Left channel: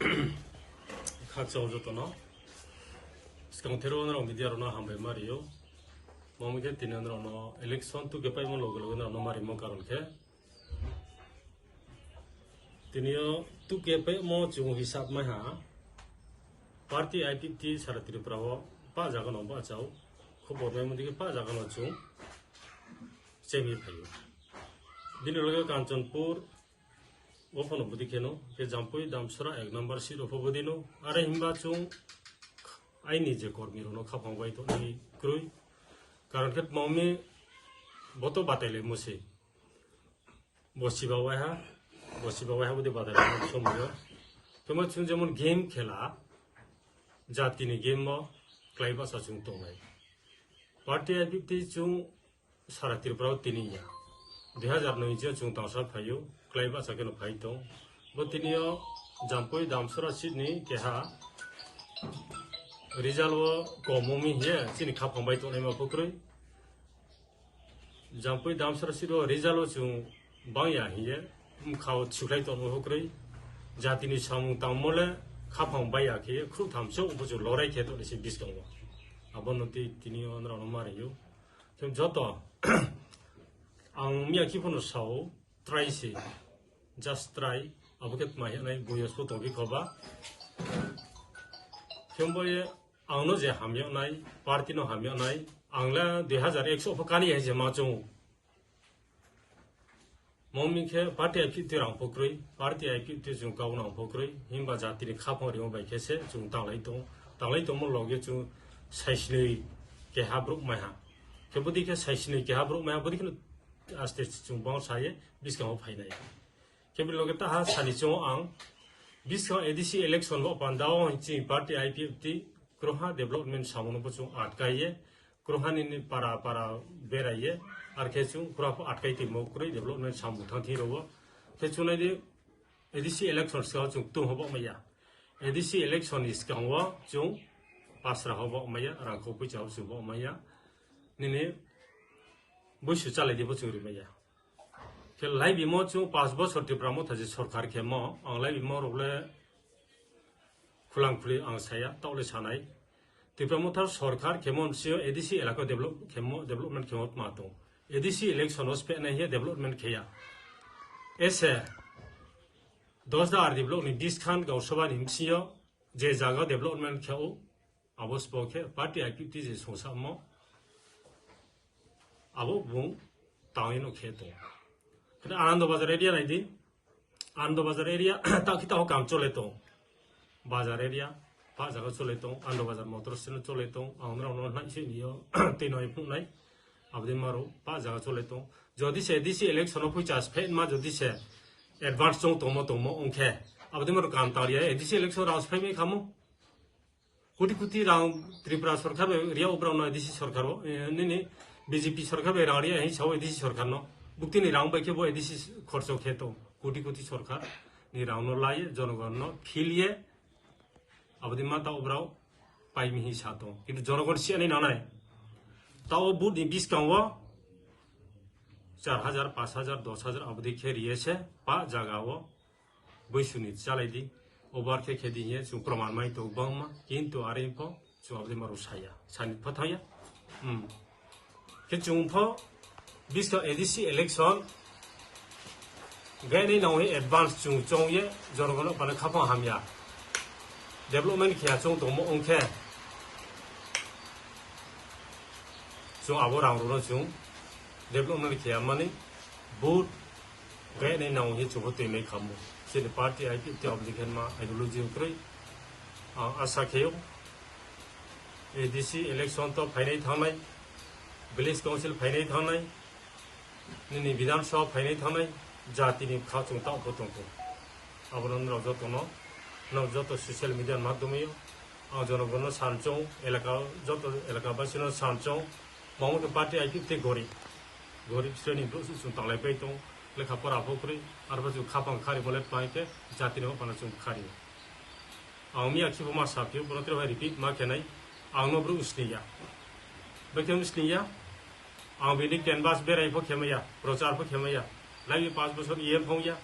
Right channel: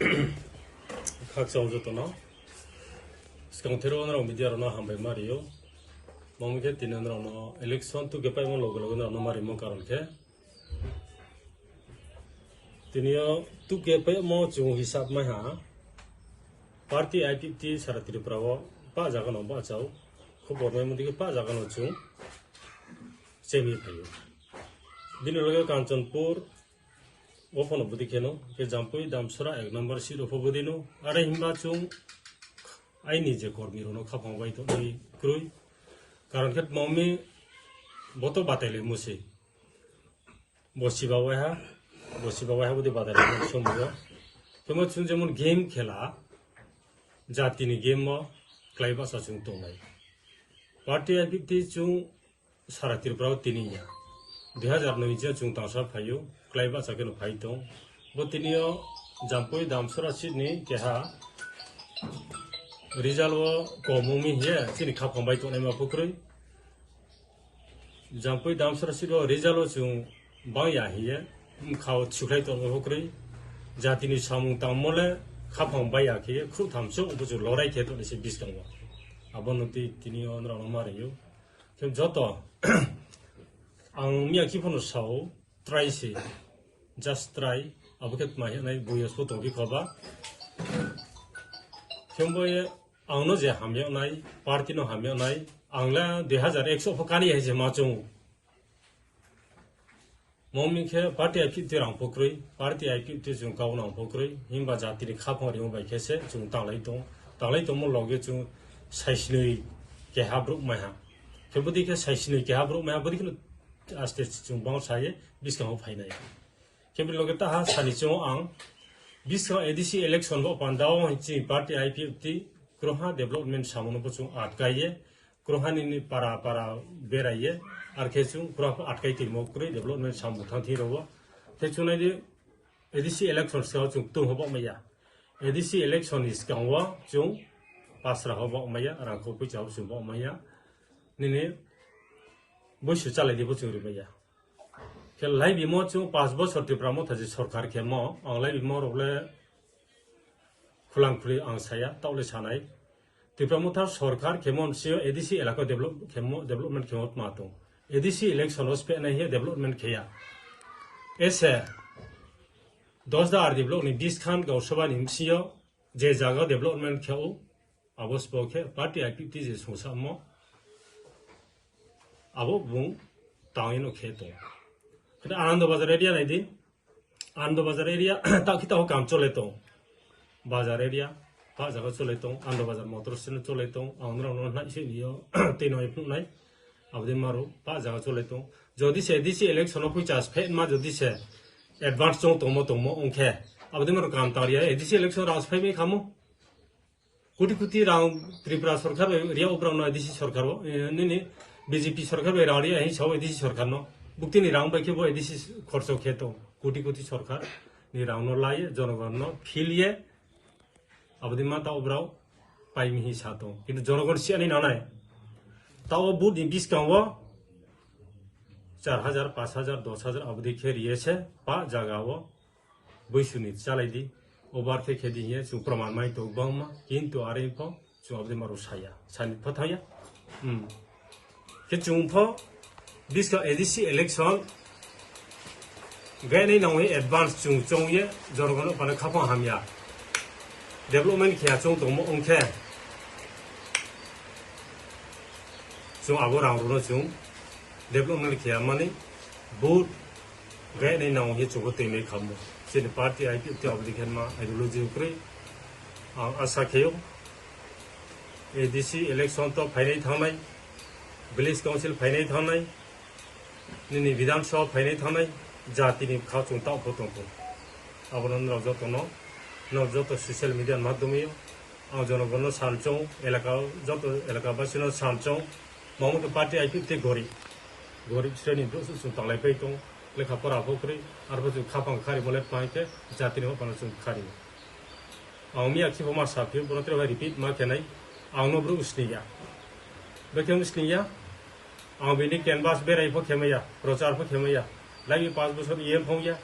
각자 오졌더나 스강테로나 미디어로나 한배 말이요. 몸게 뛰는으로나 엘렉션 또 개파이면 로그로나 말이 뭐 가런게 तिनियो तू के पे मो जो हिसाब में हाँ पार्टी आईपीटी सारा तिरु प्रावो पा जागन हो बाचाओ खूब बोलने में दिखे पा जागन हो चुन सेमी भाइयों दिन रोगे कांचनपुर वो फोन बुद्धि केनो के जंपुई दामसरा एक नंबर सीट ओपो बुद्धिनो अरे हिंबा चुन आई निजे कर्मी रोनो खापांग बाई तो नहीं क्रुई कारण के मम्मी वो तो बातेले मुझे बोसी बावा है बसी बाबा है बुद्धि बाधा नहीं समझो तो मैं चुन जमुन गेम खेला जाती ने गेम में क्लाइब आसा चुन तो नहीं पार्टी आईपीटी चुन सारा तिरप्राव तीनिया 2009 चुन तांसा फायो क्लाइब आसा के नो फाई तो वो तीनियो जंपोई दामसरा सिडनी क्या रिजल्ट वो कोमोमी है चिनी खापं बाई तो नहीं में फुकरोई जंपोई दामसरा सिडो रिजल्ट वो चुन बाया ही है खाओ छुखाई तो होकरे जाति नि सामु तामले खाफां बाया के खु थामसो उबजो लड़ाई के तो एसे डिस्काउंट अबनति तिनि अनरा मारियो तो जत आं मिया किफोन साउ ट्राई से जस्ट ट्राई अबकेत माय नाय बुयस तो बि खबा थेमबोय आंनो जे हामियो नाय पार्टी नो हामियो नाय आंला 2100 फकानी है जे माचो मम्मी के पार्टी आईपीटी रां पोखरी पार्टी आईपीटी जो गावना पोखरी हिंबा जाति ने खाफों रिंग बाई कैसे जो तांलाई तो मन लगे जो साइसने के हाब्रुक महा के बुद्धि के साइसने के हाब्रुक महा बुद्धि के आस्ते जो बांस आये बिस्काउ फाइनाय के भी लोगे ता साली जो आं बिस्काउ एडीसी इलेक्शन लो पांडाओ हिंची पार्टी आईपीटी ग्रोहा डेवलपमेंट सामनो बचो आटकाये ग्रोहानि पारा बेराये और केचु ग्राफ आटकाई थी मोकरे डेवलपमेंट सामुथा थी रोवा केचु ने एडीसी इलेक्शन से जो तुम होबो मैया एडीसी इलेक्शन इस गांवा जो पासरा होबो मैया रांखौ फैसाव सुबो मैया निने बैसु चालाय दिबो चुरि मैया के लाई बिमो जो 5 बोसोर तिप्रामो थाजे सरकार के मो आंलाय बिमो रोले खुलांखुलि आं साया तावले सानाय तिप्रामोथा सरकार केमन सियो एडीसी इलाका डेवलपमेंट केमत मातो एडीसी इलेक्शन पे नहीं है डेवलपमेंट किया ऐसे 10,000 डेवलपमेंट डिस्काउंट गावसभा निमसियो जे जागा डेवलपमेंट खेओ अबस पोके पार्टी आईपीटी जे सोसामो अबो बुं तांगिनो खेतो कदा आनंद बाजार एरिया नाइदि आनंद बाजार एरिया ताकिता हो काम चले तो बाजार एरिया पा जागा चले तो आनंद बाजार मोटर स्टैंड चले तो आउनरा नाइ से बियो तेनो इपु नाइ अबदे मारो पा जागा चले तो जदि से एडीसी इलेक्शन फै चास फे मा जदि से एडवांस जो तोमो ओंखे अबदे मारो काम तारिया एडीसी इलेक्शन रास फै मे खामो कोटी राव त्रिपुरा सरकार रिया उब्राउना एडीसी सरकार नि बीजेपी सरकार बे रारिया है छौ एडीसी सरकार न बुक्ति नि राव बाइके बो एडीसी खर्चो खेतो कोटी सरकार नि राव न लाये जनगण न फिलिए अबदे मा ता उब्राउ पाइमी हि सातो किन्तु जनगण सियानि नानाय ताओ बुद डिस्काउंट 4,000 5,000 10,000 अवधि के रिये से पा जागा वो बैसुनि चालायदि ओबार के खेदी है जो प्रमाण माइ तो बमा किंतु आरे पो जो अवधि मारो साया सानि फथाया के जुंफो बिस्का एडीसी इलेक्शन गए नहीं नौहे एडवांस जोंये जनगण पाने खाफा हामिया डेवलपमेंट किया जों दमो ओंखे जो आबो रावरो जो डेवलपमेंट किया माने बहुत गए नहीं नाउ ये जो ते नहीं खामो से पार्टी आईपीटी अब्लिकेशन मा आइडियोलॉजी उक्रे आशा खेयो एडीसी इलेक्शन तो फाइनाय थानाय विलेज काउंसिल फाइनाय थानाय नि विधानसभा फाइनाय थानाय जाति नि खाचुं ता फतंतो आबरन रजतनो न जतो सोशल मीडिया माध्यमे आ जनगण सालचौ एलाका जतो एलाका बासिनो सालचौ मामो पार्टी आईपीटी गरीब श्रेणी सुंतांलाय पैतो लेखा परा फुकरी आरो जो खापां खारि बोले पाइके जाति ने पाना जों खारि आंनि आखिबो मा साफि बरत्र रिपीट मा केनाय आंनो ब्रु उसनिया बेकेम उसनिया आं बेनि कैनवास बेरायफो खेमैया प्रचारफो खेमैया लाइ 5 बोसोर ये फंया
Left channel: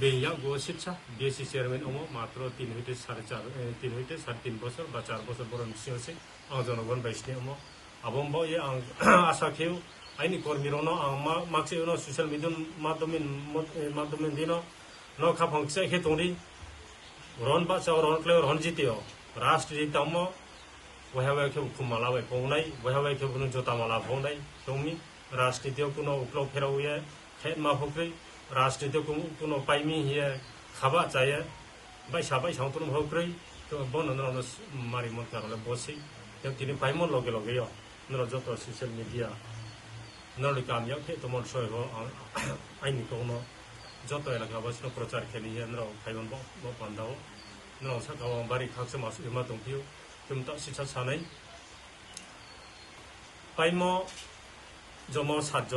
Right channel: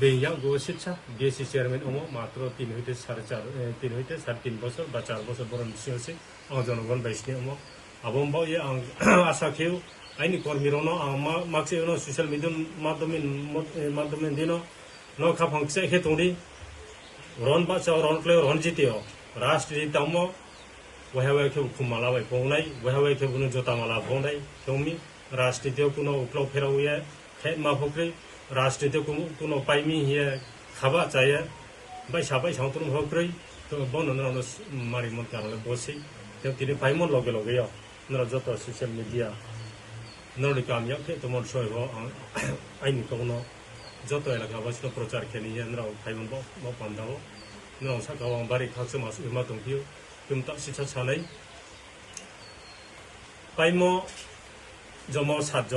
बेयाव गो शिक्षा बीएससी चेयरमैन अमो मात्र 3 হইতে 3.5 বছর বা 4 বছর বরণ सिंहसे आं जनगण बाइसनि Amo abombo ye ang asa kheu aini kormi rono makse no social media madomin dino no kha phangse he tongri ron ba chaw ron kle ron jitio rashtriy tammo wahawa ke khumala bai pongnai wahawa ke bunu jota mala pongnai tomi rashtriy kuno uplo pherawiye khe ma phokri rashtriy kuno paimi hiye khaba chaya bai sabai sangtrum hokri to bono no mari mon karole bosi te tini paimon loge loge ya नर जत social media नर कामिया के तमर सय हो आइनि कोनो जत एलाका बसनो प्रचार केनि नर फाइमन ब पान्दाव नर सा गाव बारि खासे मास मा दंथियो तुमता सिथा सानै पाइमो जमो 7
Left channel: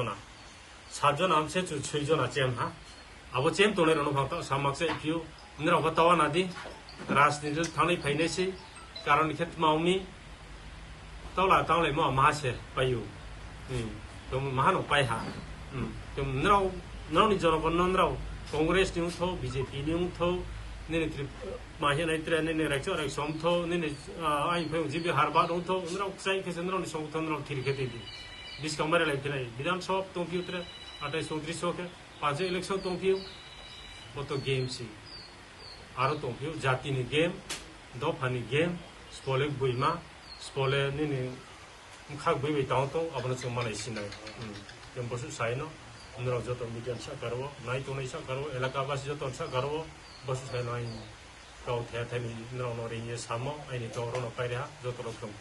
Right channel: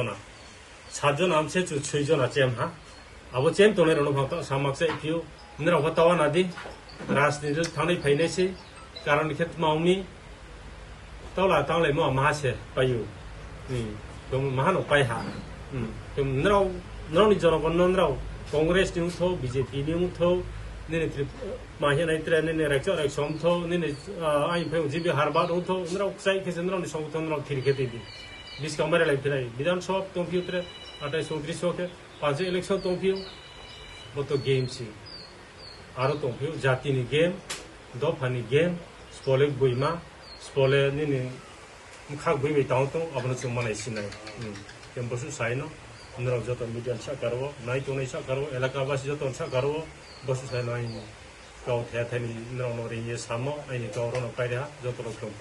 जना आमसे 6 जना चेम हा अब चेम तोने रनो भात सामक्से कियो नर गतावा नादि राजनीति थानै फाइनेसि कारण खेत माउनि तौला तौले मो मासे पायु तुम महानो पाइहा तुम नरौनि जनगण नरौ कांग्रेस नि उथो बीजेपी नि उथो निने माहे नाइत्रे निने राइचो राइसम थो निने आइ फै जिबि हारबा उथो नरौ क्साइ केसे नरौनि संगठन नरौ थिरखेते दि बिस कमरे लाइ फिलाइ विधानसभा तंफिउत्रे 28 के 5 इलेक्शन तंफिउ बतो गेम सि आरो तंफिउ जातिनि गेम दफानि गेम स्पले बुइमा स्पले निने मुखा बुइबे ताउतो अपनो चुमानै सिनाय केम्पसु साइनो नरौ जतो मिडिया सा करवो नाइ तोनै सा करवो एलाकावासी जतो सा करवो बसु साइनो गाव थाथानि नरौ नरि ये सामो आइनि गावरनो पाइरा जतो रोखोम